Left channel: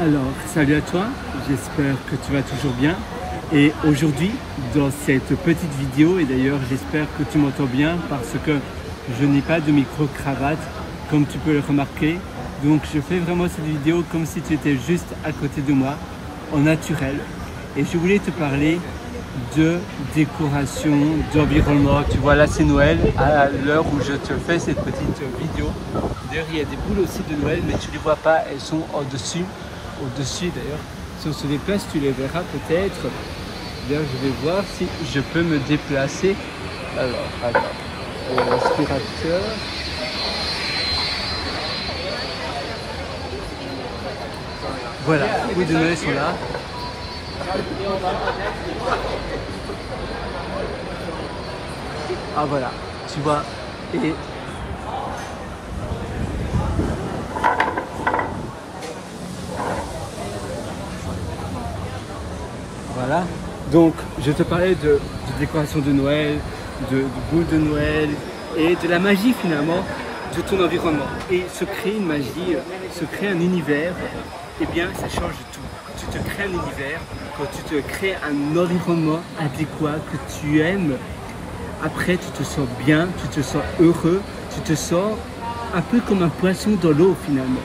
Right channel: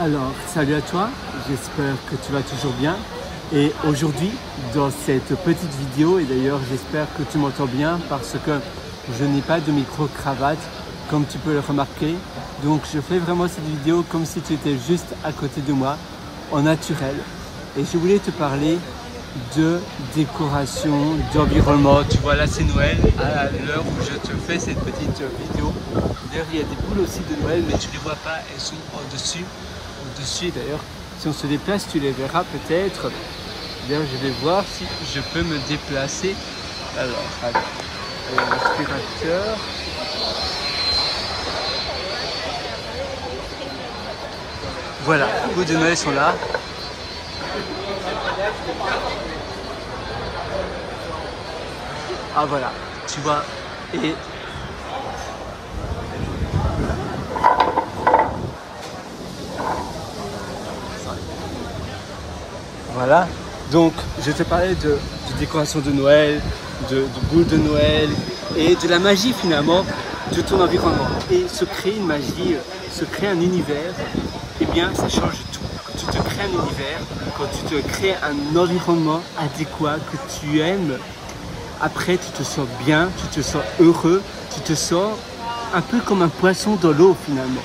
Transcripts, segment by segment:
Alors, salut à toi, j'espère que tu vas toujours bien. Et aujourd'hui, dans cette petite vidéo, et d'ailleurs j'espère que tu m'entends bien parce que je n'ai pas de micro-cravate, comme tu peux le remarquer. Donc je fais vraiment cette vidéo comme si tu étais juste à côté de moi, en naturel. Et je voulais te parler de décoration, d'environnement. Tu vois là c'est Noël, à l'heure où je te fais cette petite vidéo. D'ailleurs il y a des boules aussi de Noël, mais tu ne les vois pas, elles sont au-dessus. Au-dessus d'ailleurs, si on se déplace, tu les verras peut-être. D'ailleurs, je vais voir si je peux me déplacer. Alors, attends, l'aspirateur. Voilà, les boules de Noël sont là. Ah voilà, tu vois, et voilà, donc je te parlais de décoration de Noël, de boules de Noël et de la magie finalement de ton environnement. Et se créer une magie, se créer un univers, eh bien ça change tout. Quand tu te crées un univers, quand tu te crées un environnement adéquat que tu aimes, après tu te sens bien, tu te sens heureux, tu te sens un peu comme un poisson dans l'eau finalement.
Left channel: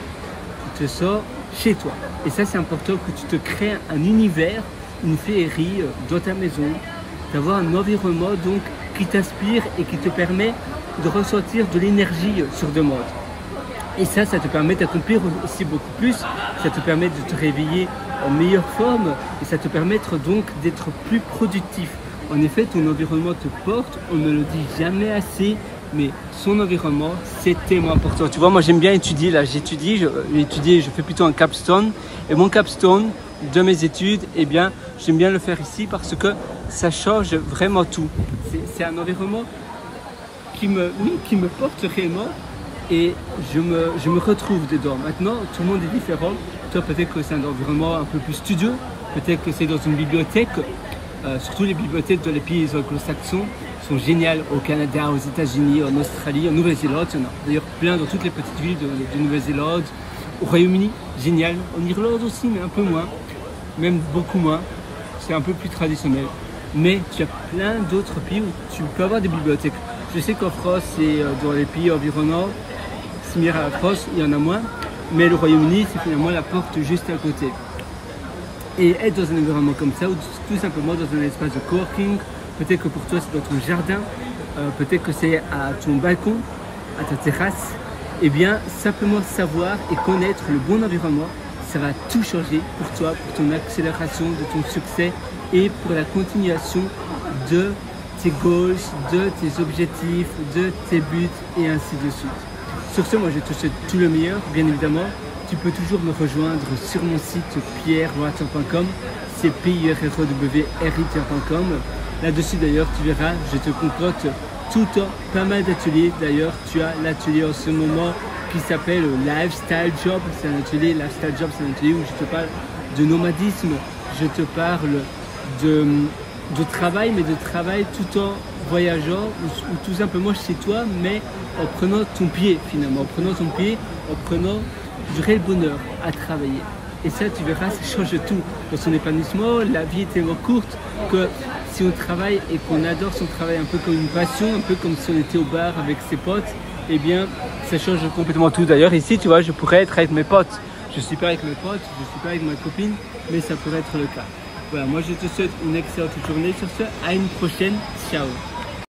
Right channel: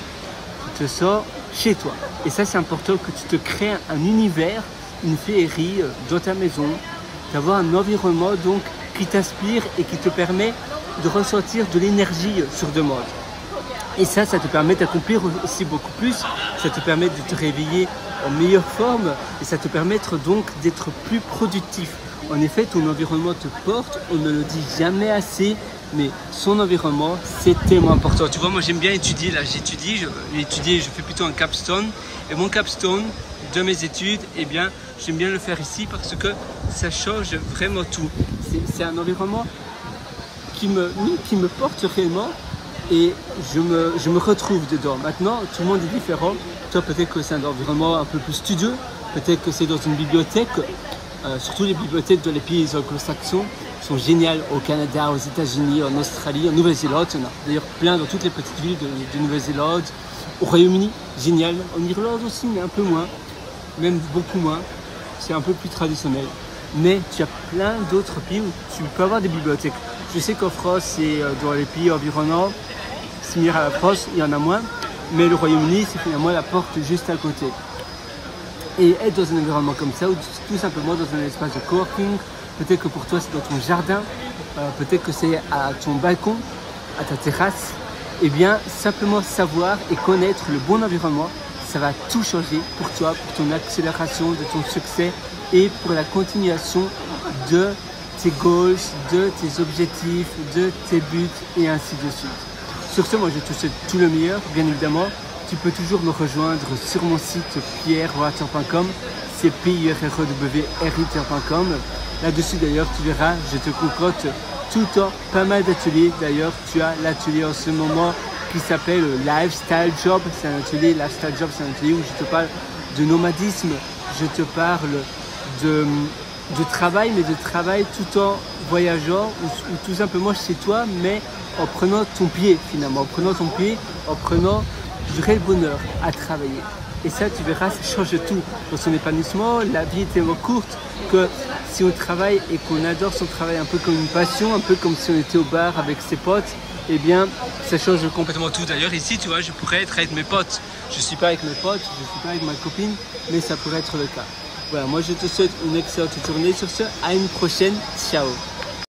Tu te sens chez toi. Et ça c'est important que tu te crées un univers, une féerie dans ta maison, d'avoir un environnement donc qui t'inspire et qui te permet de ressentir de l'énergie sur demande. Et ça te permet d'accomplir aussi beaucoup plus, ça te permet de te réveiller en meilleure forme et ça te permet donc d'être plus productif. En effet, ton environnement te porte, on ne le dit jamais assez, mais son environnement, c'est tellement important. Tu vois, moi j'aime bien étudier, là j'étudie, je fais plutôt un capstone. Et mon capstone de mes études, eh bien, j'aime bien le faire ici parce que ça change vraiment tout. C'est un environnement qui me porte réellement et je me retrouve dedans. Maintenant, tout le monde est différent. Toi, peut-être que c'est un environnement un peu plus studieux, peut-être que c'est dans une bibliothèque. Surtout les bibliothèques dans les pays anglo-saxons sont géniales au Canada, aux États-Unis, en Australie, en Nouvelle-Zélande. Il y en a d'ailleurs plein dans toutes les petites villes de Nouvelle-Zélande. Au Royaume-Uni, génial. En Irlande aussi, mais un peu moins. Même beaucoup moins. C'est un peu plus traditionnel. Mais tu as plein d'autres pays où tu peux avoir des bibliothèques. Je sais qu'en France et dans les pays environnants, similaires à la France, il y en a moins. Mais le Royaume-Uni, c'est finalement la porte juste à côté. Et être dans un environnement comme ça, ou tout simplement dans un espace de coworking, peut-être que pour toi c'est dans ton jardin, peut-être que c'est à ton balcon, à ta terrasse, et bien simplement savoir et connaître le bon environnement, ça va tout changer pour toi, pour ton accélération, de ton succès et pour la continuation de tes goals, de tes objectifs, de tes buts et ainsi de suite. Sur ce, moi je te souhaite tout le meilleur, bien évidemment. Tu peux toujours me rejoindre sur mon site pierrewater.com, c'est pierrewriter.com. Là-dessus d'ailleurs, tu verras, je te concocte tout le temps pas mal d'ateliers. D'ailleurs, tu as l'atelier en ce moment qui s'appelle Lifestyle Job. C'est un atelier, Lifestyle Job, c'est un atelier où je te parle de nomadisme, je te parle de travail, mais de travail tout en voyageant ou tout simplement chez toi, mais en prenant ton pied finalement, en prenant du réel bonheur à travailler. Et ça, tu verras, ça change tout dans son épanouissement. La vie est tellement courte que si on travaille et qu'on adore son travail un peu comme une passion, un peu comme si on était au bar avec ses potes, eh bien, ça change complètement tout. D'ailleurs, ici, tu vois, je pourrais être avec mes potes. Je ne suis pas avec mes potes, je ne suis pas avec ma copine, mais ça pourrait être le cas. Voilà, moi, je te souhaite une excellente journée. Sur ce, à une prochaine. Ciao.